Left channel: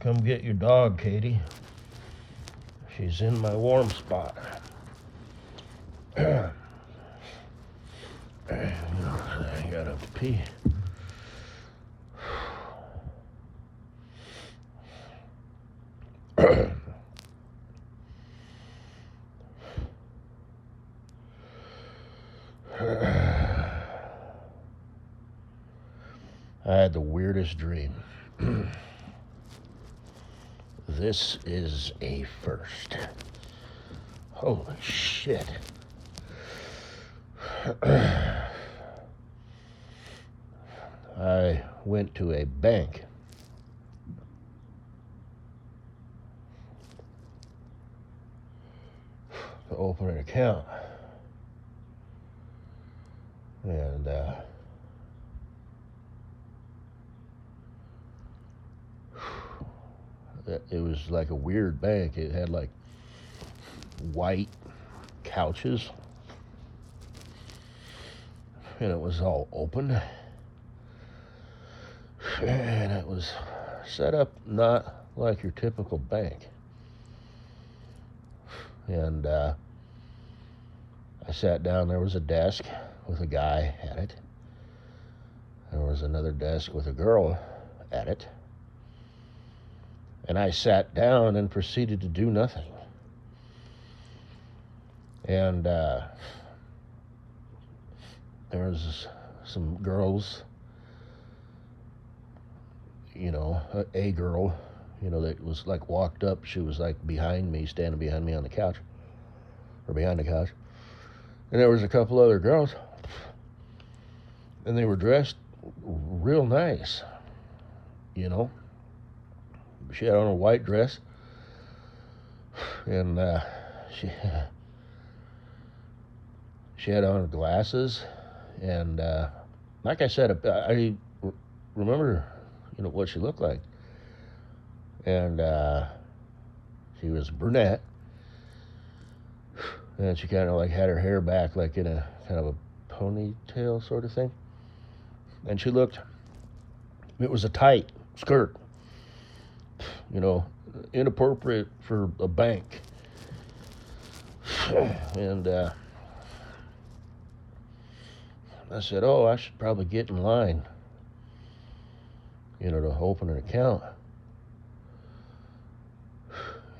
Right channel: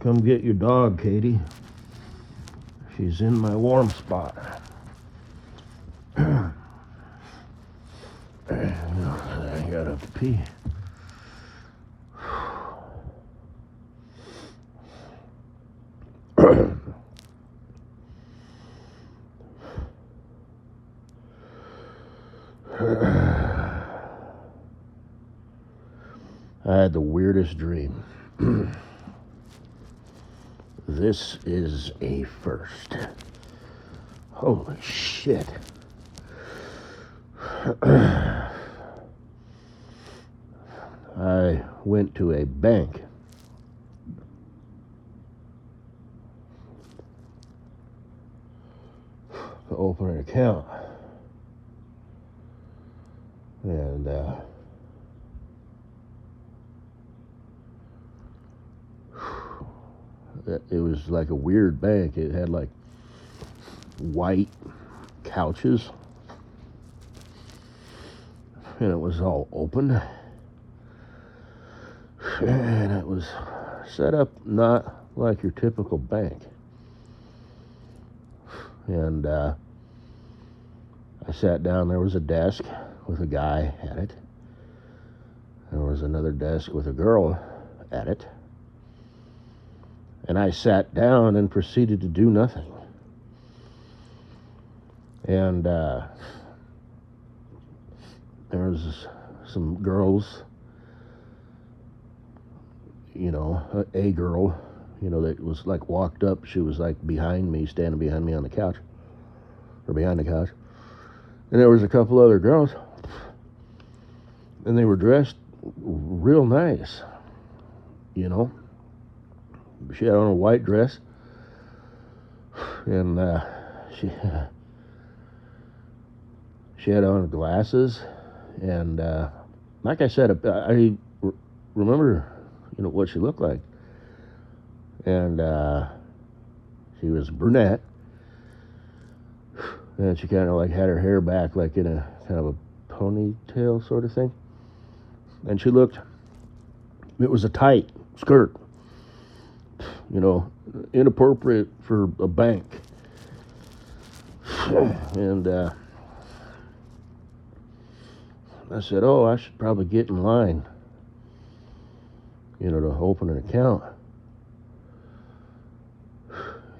Come get your dog, Katie. She's in my warm spot. I gotta pee. I had the weirdest dream. This is a first. Holy shit. I went to a bank to open an account. And it was like a weird bank. It had like white couches, and it was all open, and it was set up not like your typical bank. And I sat down. There was a desk with a guy at it. There was another desk with a girl at it. And I sat down and proceeded to do nothing. And there was some girls, a girl, that was like walked up. She was like behind me, standing behind me on the couch, or behind the couch. And there was a couple other girls, and they were dressed real nice, She had on a white dress, and she had on glasses, and like I said, I remember, what she looked like, and she was brunette, and she kind of like had her hair back, like in a kind of a ponytail sort of thing, and it was a tight skirt, inappropriate for a bank. And I said, I should probably get in line, to open an account.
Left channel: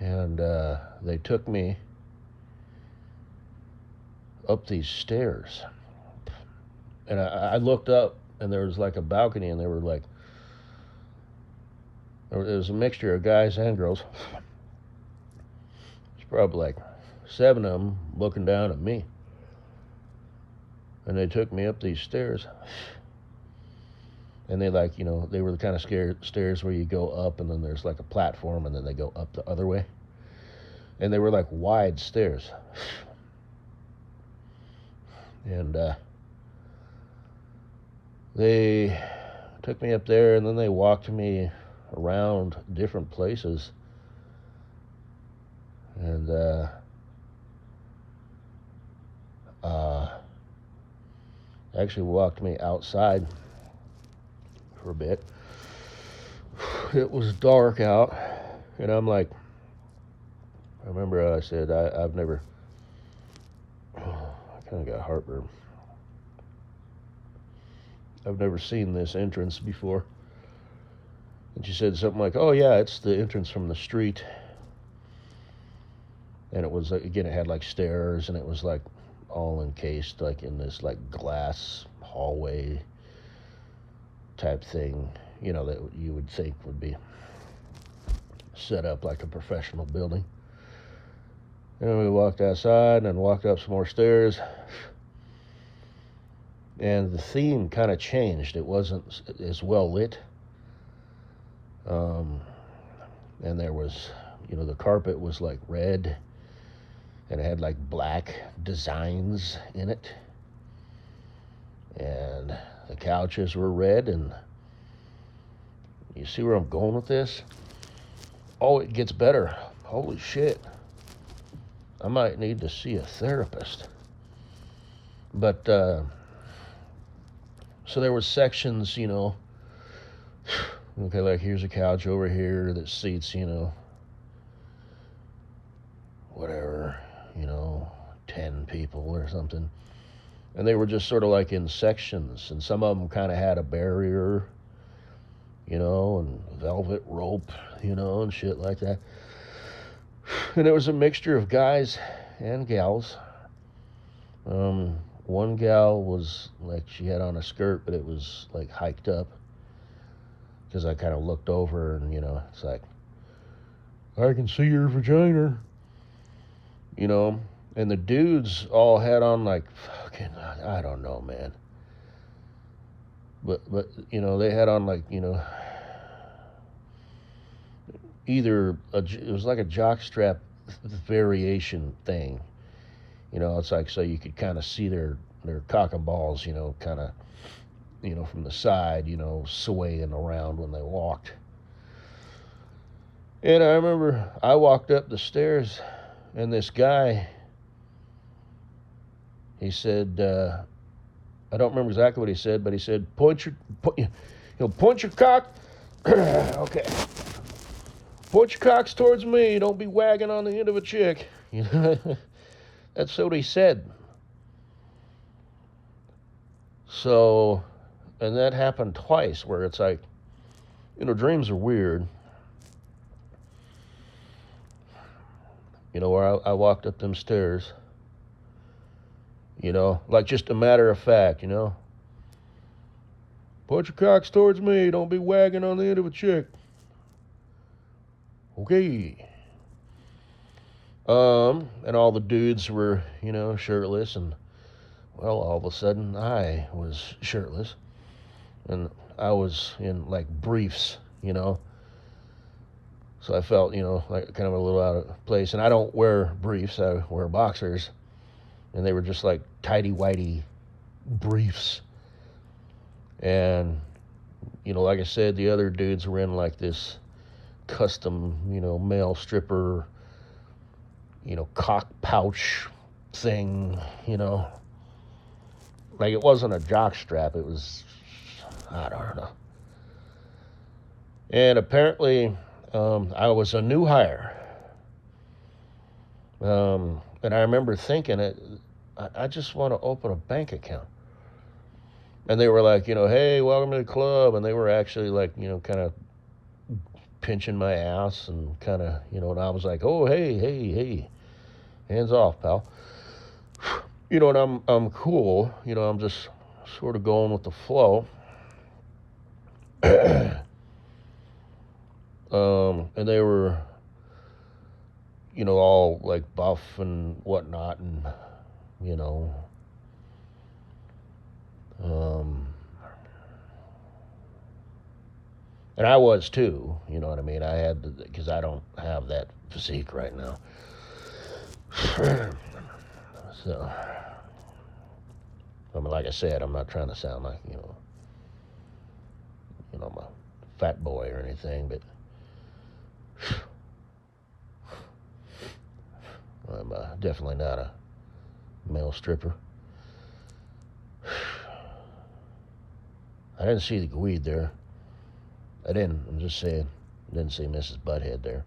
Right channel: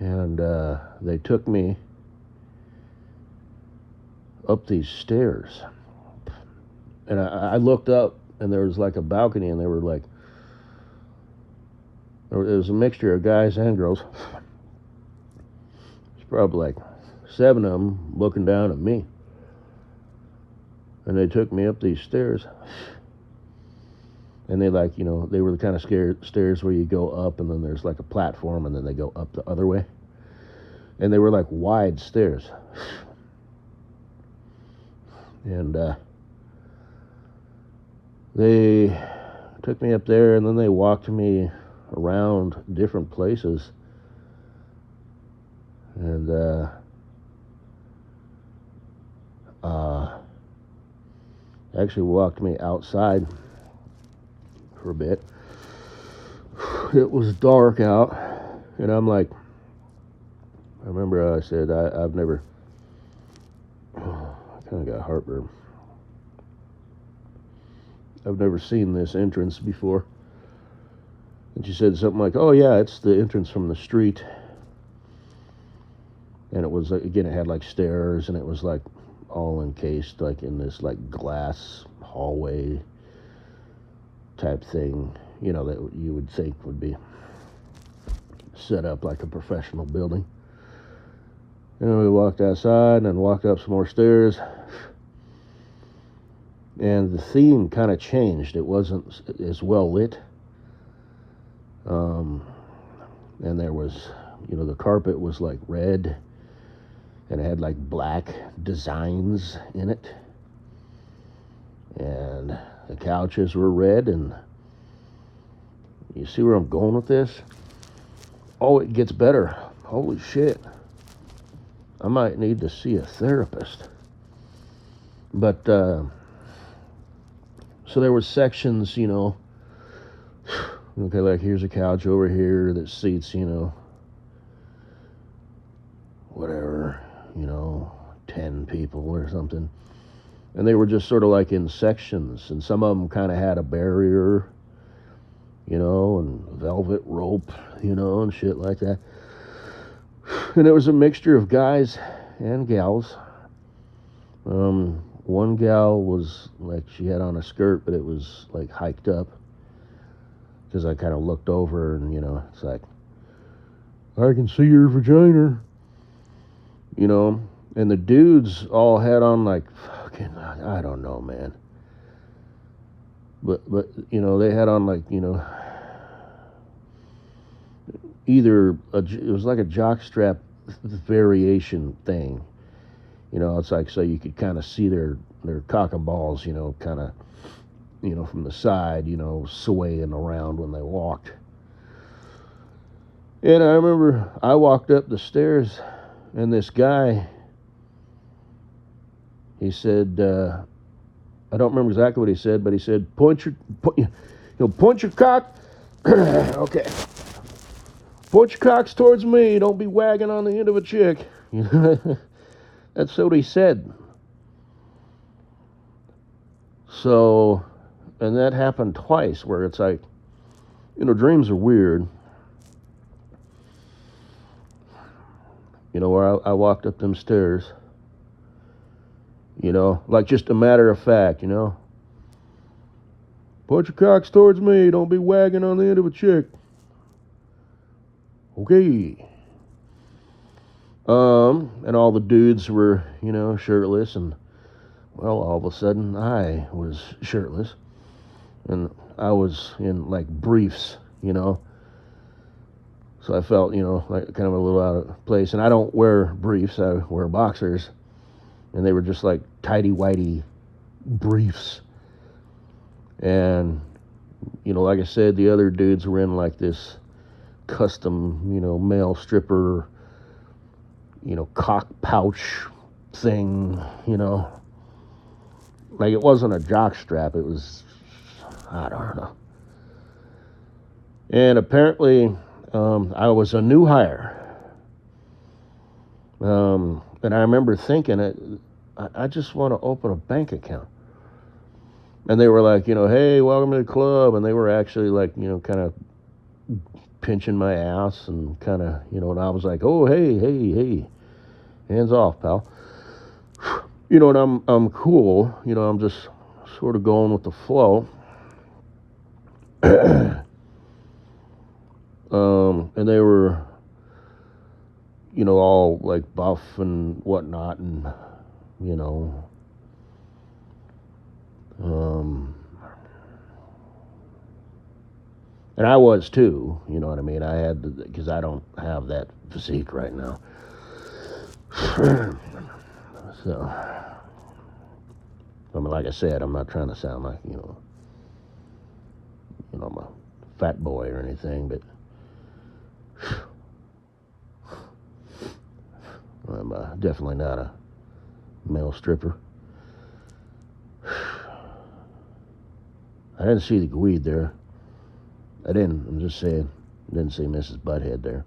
And they took me up these stairs. And I looked up, and there was like a balcony, and they were like, it was a mixture of guys and girls. There's probably like 7 of them looking down at me. And they took me up these stairs. And they they were the kind of stairs where you go up, and then there's like a platform, and then they go up the other way. And they were like wide stairs. And they took me up there, and then they walked me around different places, and actually walked me outside for a bit. It was dark out, and I'm like, I remember I said, I've never, I kind of got heartburn. I've never seen this entrance before. And she said something like, oh yeah, it's the entrance from the street. And it was, again, it had like stairs, and it was like all encased like in this like glass hallway type thing, that you would think would be set up like a professional building. And we walked outside and walked up some more stairs. And the theme kind of changed. It wasn't as well lit. And there was, the carpet was like red, and it had like black designs in it. And the couches were red, and you see where I'm going with this? Oh, it gets better. Holy shit. I might need to see a therapist. But, so there were sections, Okay, like here's a couch over here that seats, whatever, 10 people or something. And they were just sort of like in sections, and some of them kind of had a barrier, and velvet rope, and shit like that. And it was a mixture of guys and gals. One gal was like, she had on a skirt, but it was like hiked up, because I kind of looked over and, it's like, I can see your vagina, and the dudes all had on like fucking, I don't know, man. But they had on like, either it was like a jockstrap variation thing. It's like, so you could kind of see their cock and balls, kind of, from the side, swaying around when they walked. And I remember I walked up the stairs, and this guy, he said, I don't remember exactly what he said, but he said, point your cock. Okay. Point your cocks towards me. Don't be wagging on the end of a chick. That's what he said. So, and that happened twice, where it's like, dreams are weird. Where I walked up them stairs, like just a matter of fact, Point your cocks towards me. Don't be wagging on the end of a chick. Okay. And all the dudes were, shirtless, and well, all of a sudden I was shirtless, and I was in like briefs, so I felt, like kind of a little out of place. And I don't wear briefs, I wear boxers, and they were just like tighty-whitey briefs. And, like I said, the other dudes were in like this custom, male stripper, cock pouch thing, like it wasn't a jock strap, it was, I don't know. And apparently, I was a new hire. And I remember thinking, I just want to open a bank account. And they were like, hey, welcome to the club. And they were actually like, kind of pinching my ass and kind of, and I was like, oh, hey, hands off, pal. And I'm cool. I'm just sort of going with the flow. And they were, all like buff and whatnot, and, and I was too, you know what I mean? I had, because I don't have that physique right now. So, I mean, like I said, I'm not trying to sound like, I'm a fat boy or anything, but I'm definitely not a male stripper. I didn't see the weed there. I didn't. I'm just saying. I didn't see Mrs. Butthead there.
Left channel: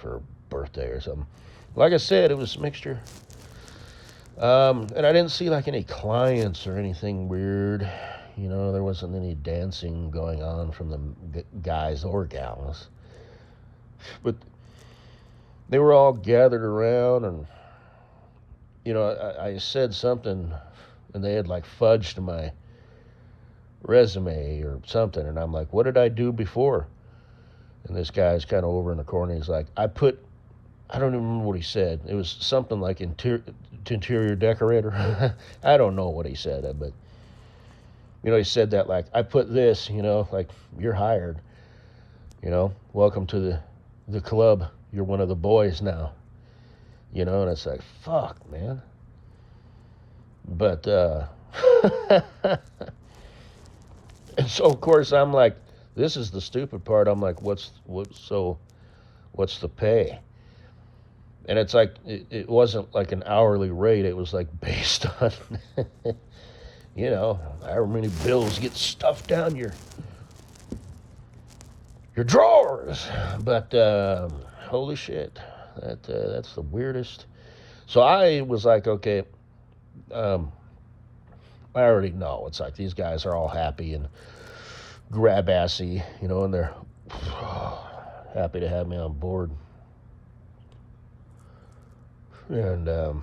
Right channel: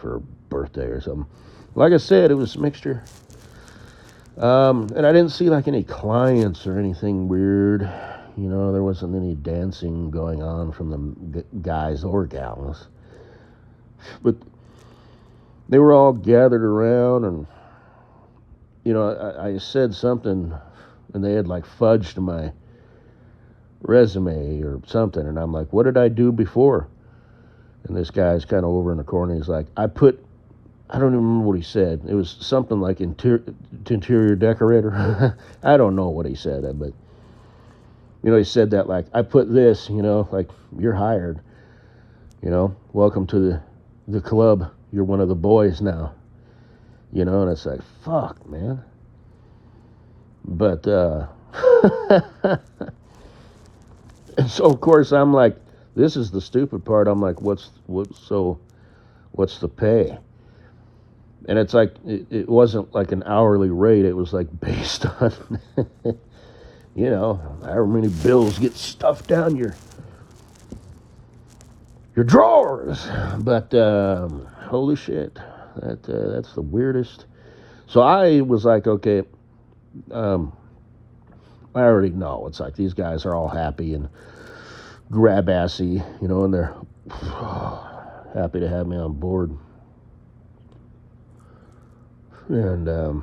For her birthday or something. Like I said, it was a mixture. And I didn't see like any clients or anything weird. There wasn't any dancing going on from the guys or gals. But they were all gathered around, and I said something, and they had like fudged my resume or something, and I'm like, what did I do before? And this guy's kind of over in the corner. He's like, I don't even remember what he said. It was something like interior decorator. I don't know what he said, but he said that like, I put this, like, you're hired. Welcome to the club. You're one of the boys now. And it's like, fuck, man. But, and so of course I'm like, this is the stupid part. I'm like, what's the pay? And it's like, it wasn't like an hourly rate. It was like based on, you know, however many bills get stuffed down your drawers. But holy shit, that's the weirdest. So I was like, okay, I already know. It's like these guys are all happy and grab-assy, you know, and they're happy to have me on board. And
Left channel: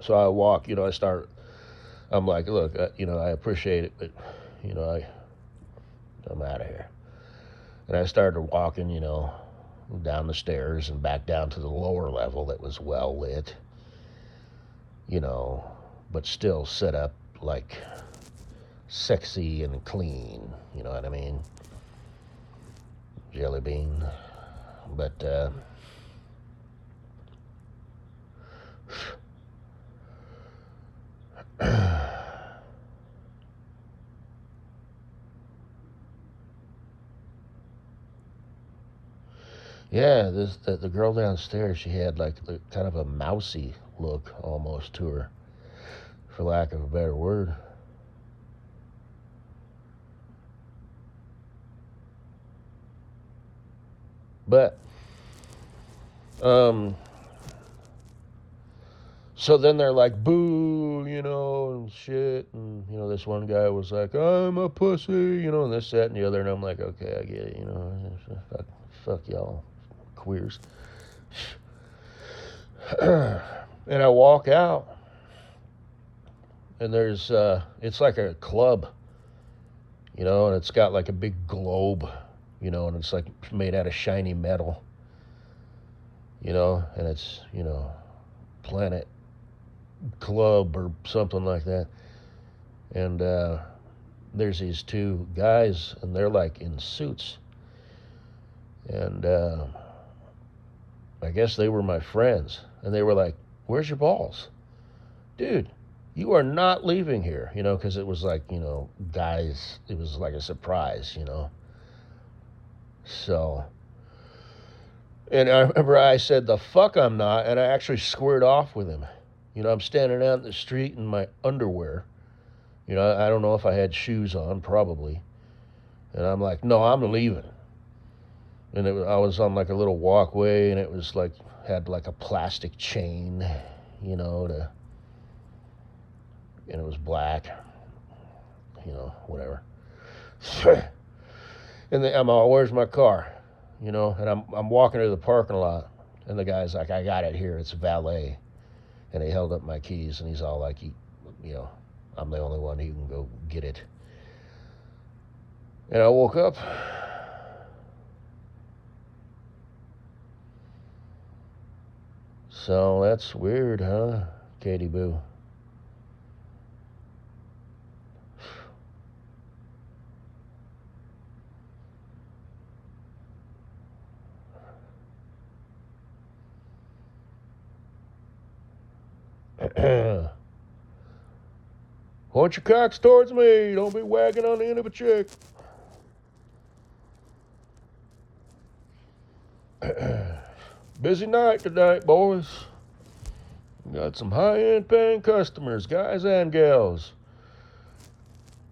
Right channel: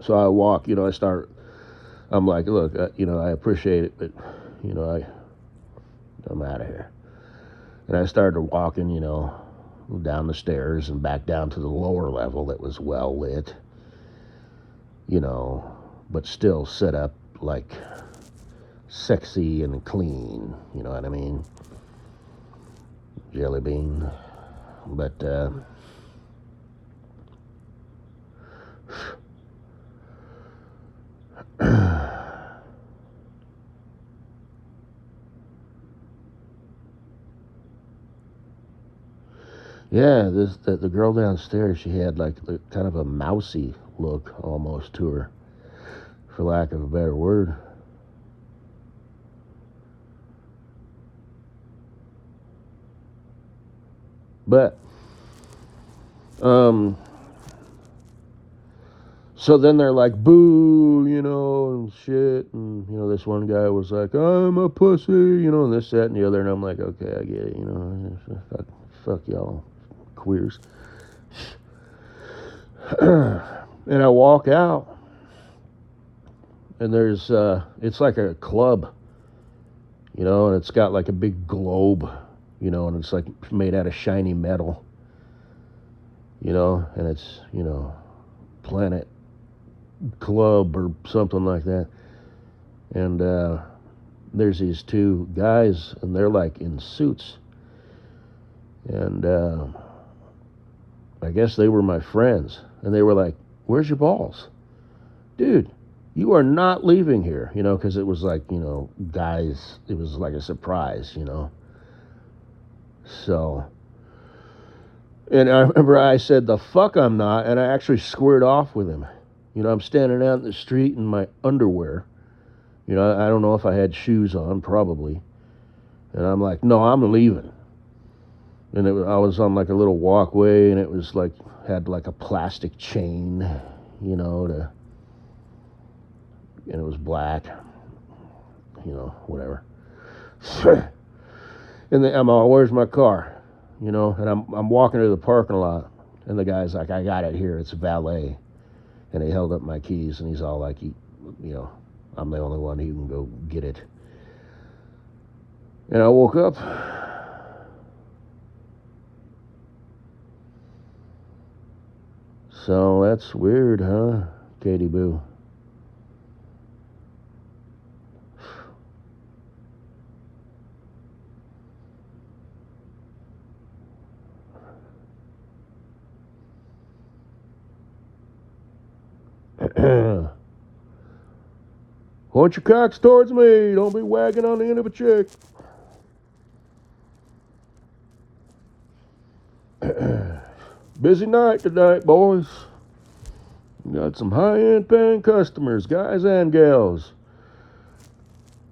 so I walk, you know, I'm like, look, you know, I appreciate it, but, you know, I'm out of here. And I started walking, you know, down the stairs and back down to the lower level that was well lit, you know, but still set up like sexy and clean, you know what I mean? Jelly bean. But yeah, the girl downstairs, she had like kind of a mousy look almost to her, for lack of a better word. But so then they're like, boo, you know, and shit, and you know, this one guy was like, I'm a pussy, you know, this, that, and the other, and I'm like, okay, I get it, you know, fuck y'all queers. And I walk out, and there's it's like a club, you know, and it's got like a big globe, you know, and it's like made out of shiny metal, you know, and it's, you know, Planet Club or something like that. And there's these two guys, and they're like in suits, and I guess they were my friends, and they were like, where's your balls? Dude, you are not leaving here, you know, because it was like, you know, guys, it was like a surprise, you know. So, and I remember I said, the fuck I'm not, and I actually squared off with him. You know, I'm standing out in the street in my underwear. You know, I don't know if I had shoes on, probably. And I'm like, no, I'm leaving. And I was on like a little walkway, and it was like, had like a plastic chain, you know, and it was black, you know, whatever. And I'm all, where's my car? You know, and I'm walking to the parking lot, and the guy's like, I got it here, it's valet. And he held up my keys, and he's all like, you know, I'm the only one who can go get it. And I woke up. So that's weird, huh, Katie Boo? Point your cocks towards me. Don't be wagging on the end of a chick. Busy night tonight, boys. We got some high-end paying customers, guys and gals.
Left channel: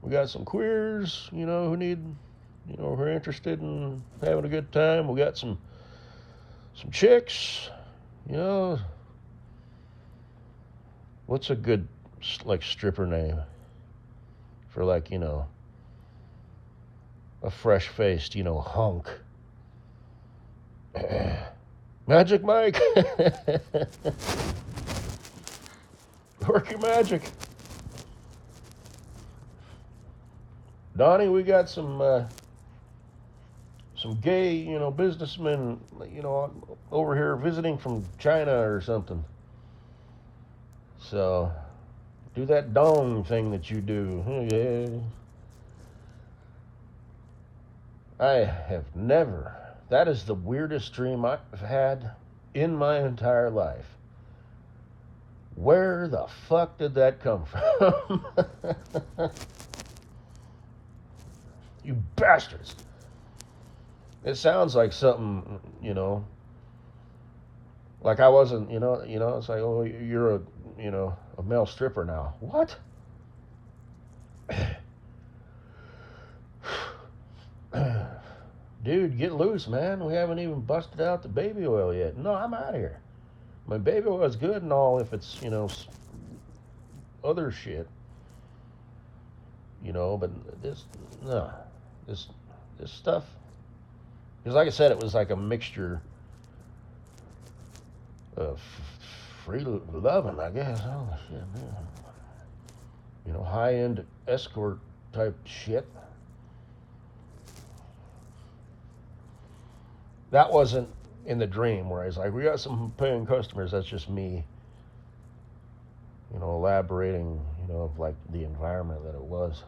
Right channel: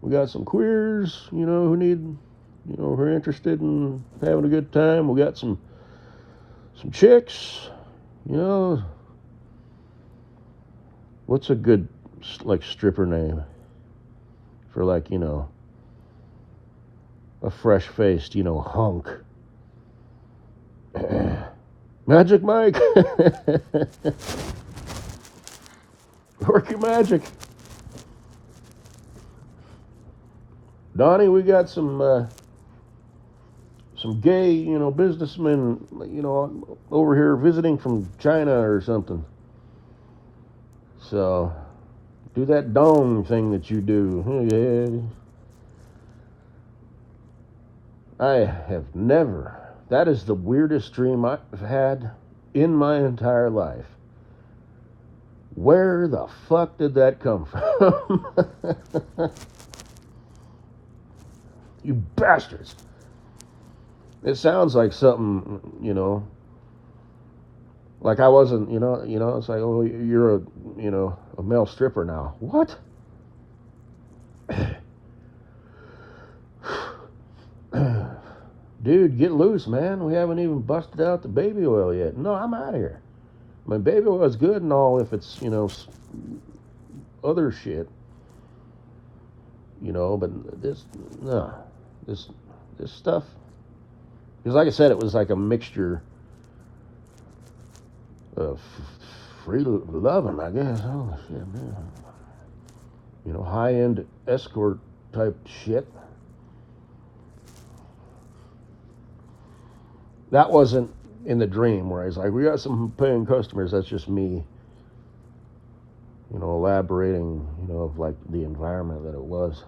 We got some queers, you know, who need, you know, who are interested in having a good time. We got some chicks, you know. What's a good, like, stripper name for, like, you know, a fresh-faced, you know, hunk? Magic Mike. Work your magic. Donnie, we got some gay, you know, businessmen, you know, over here visiting from China or something. So, do that dome thing that you do. I have never. That is the weirdest dream I've had in my entire life. Where the fuck did that come from? You bastards. It sounds like something, like I wasn't, it's like, oh, you're a male stripper now. What? Dude, get loose, man. We haven't even busted out the baby oil yet. No, I'm out of here. My baby oil is good and all if it's, other shit, but no, this, this stuff. Because like I said, it was like a mixture of free loving, I guess. Oh, shit, man. High-end escort type shit. That wasn't in the dream where he's like, we got some paying customers. That's just me, elaborating, of like the environment that it was.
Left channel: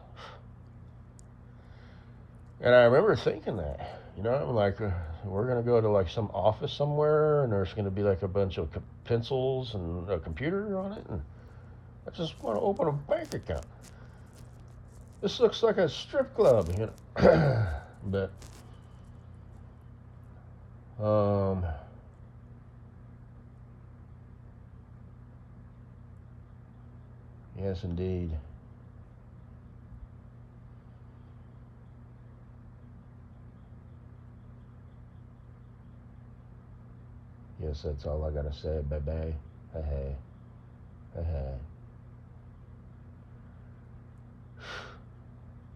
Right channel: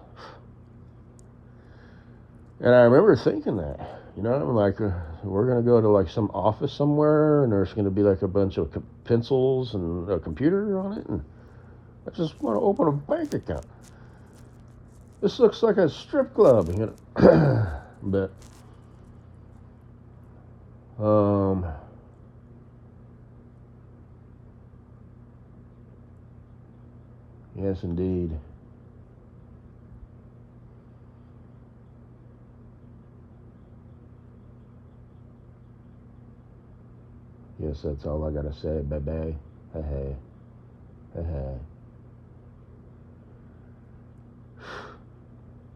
And I remember thinking that, like we're going to go to like some office somewhere and there's going to be like a bunch of pencils and a computer on it. And I just want to open a bank account. This looks like a strip club, but yes, indeed. Yes, that's all I gotta say, baby. Hey, hey, hey, hey.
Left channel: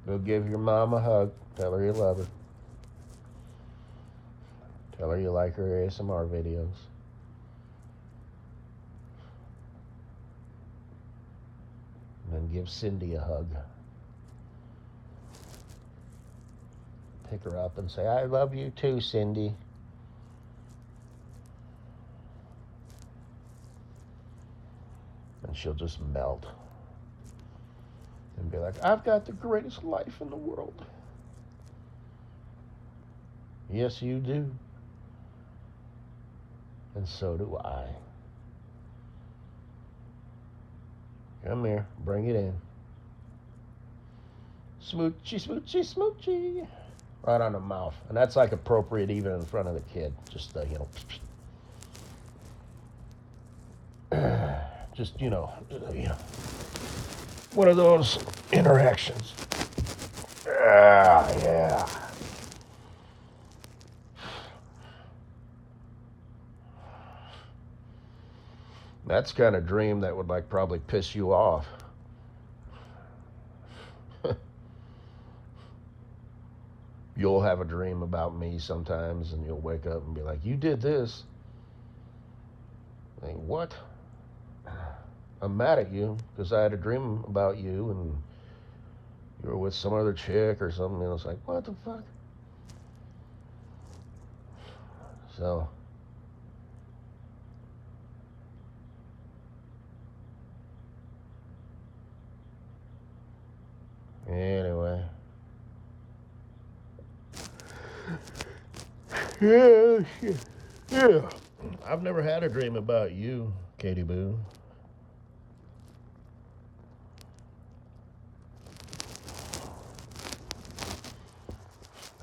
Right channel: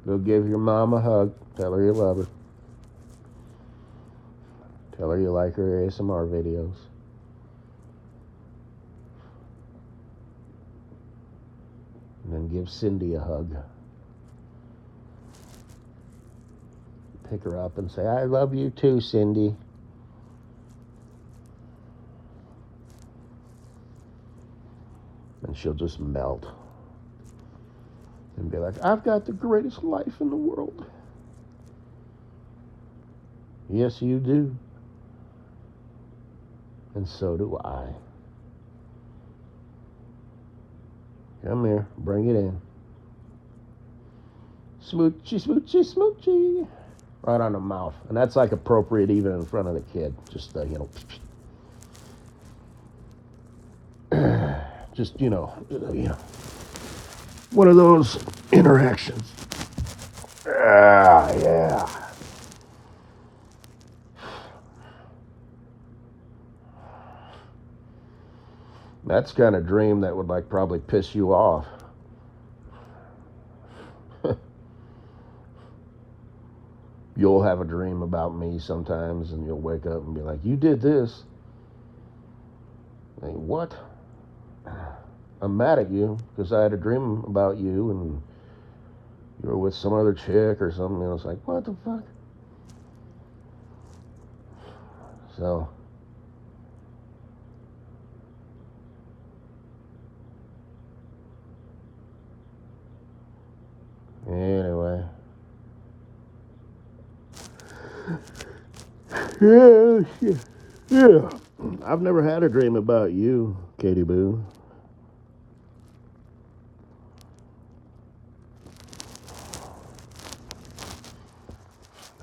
Go give your mom a hug. Tell her you love her. Tell her you like her ASMR videos. And then give Cindy a hug. Pick her up and say, I love you too, Cindy. And she'll just melt. And be like, I've got the greatest life in the world. Yes, you do. And so do I. Come here, bring it in. Smoochy, smoochy, smoochy. Right on the mouth. And that's like appropriate even in front of the kid. Just, just, one of those interactions. Ah, yeah. That's kind of dream that would like probably piss you off. You'll have a dream about me sometimes and you'll wake up and be like, you did this. Like, what? I'm mad at you because I had a dream about you and you were with some other chick or something. And I was like, what the fuck? So, anyway. Yeah, shit. Yeah. I've never had a dream about you, Katie Boo.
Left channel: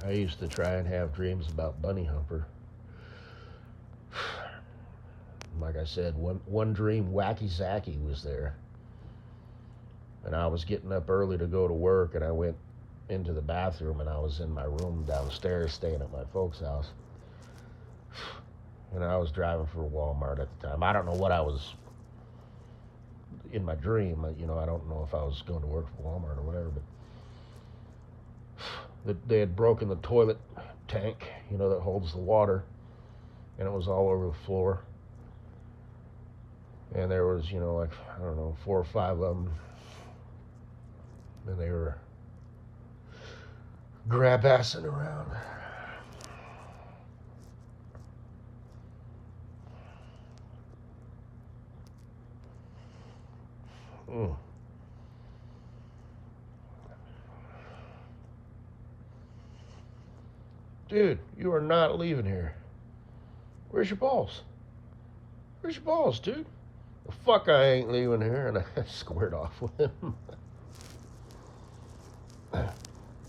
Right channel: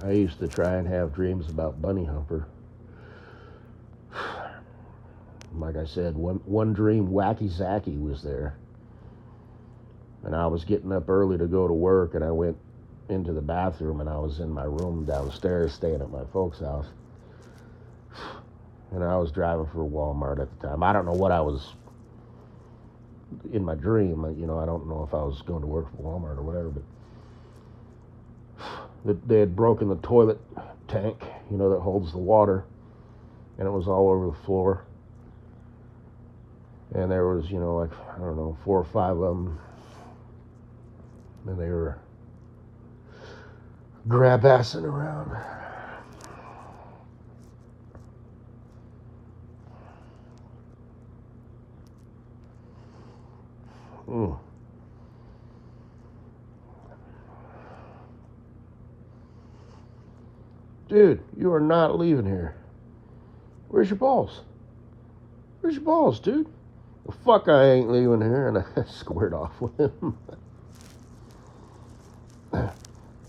I used to try and have dreams about Bunny Humper. Like I said, one dream, Wacky Zacky was there. And I was getting up early to go to work, and I went into the bathroom, and I was in my room downstairs staying at my folks' house. And I was driving for Walmart at the time. I don't know what I was in my dream. I don't know if I was going to work for Walmart or whatever, but they had broken the toilet tank, that holds the water, and it was all over the floor. And there was, like, I don't know, 4 or 5 of them. And they were grab-assing around. Ooh. Dude, you are not leaving here. Where's your balls? Where's your balls, dude? Well, fuck, I ain't leaving here. And I squared off with him.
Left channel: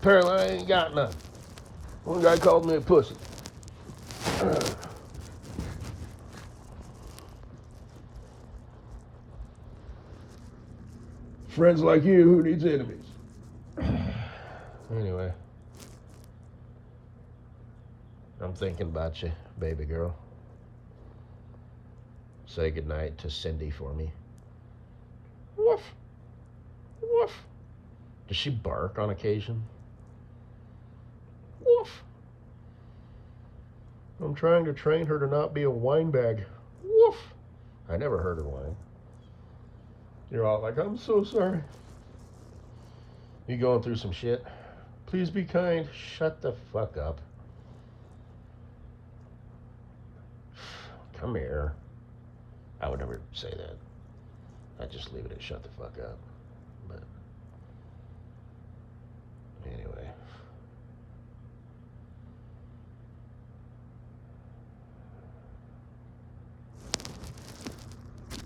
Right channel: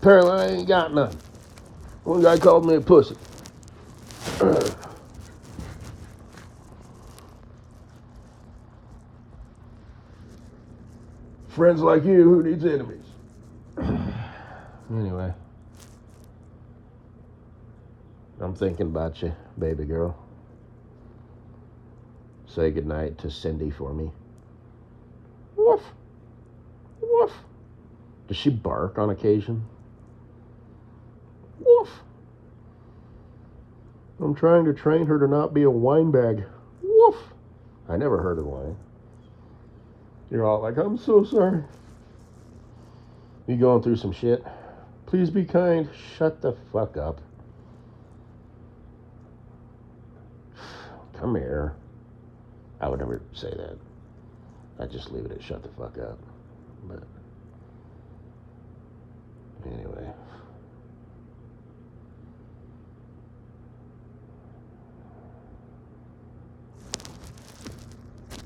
Apparently I ain't got none. One guy called me a pussy. Friends like you, who needs enemies? Anyway, I'm thinking about you, baby girl. Say goodnight to Cindy for me. Woof. Woof. Does she bark on occasion? Woof. I'm trying to train her to not be a whine bag. Woof. I never heard her whine. You're all like, I'm so sorry. You going through some shit? Please be kind. Shut the fuck up. Come here. I would never say that. I'd just leave it at shut the fuck up. But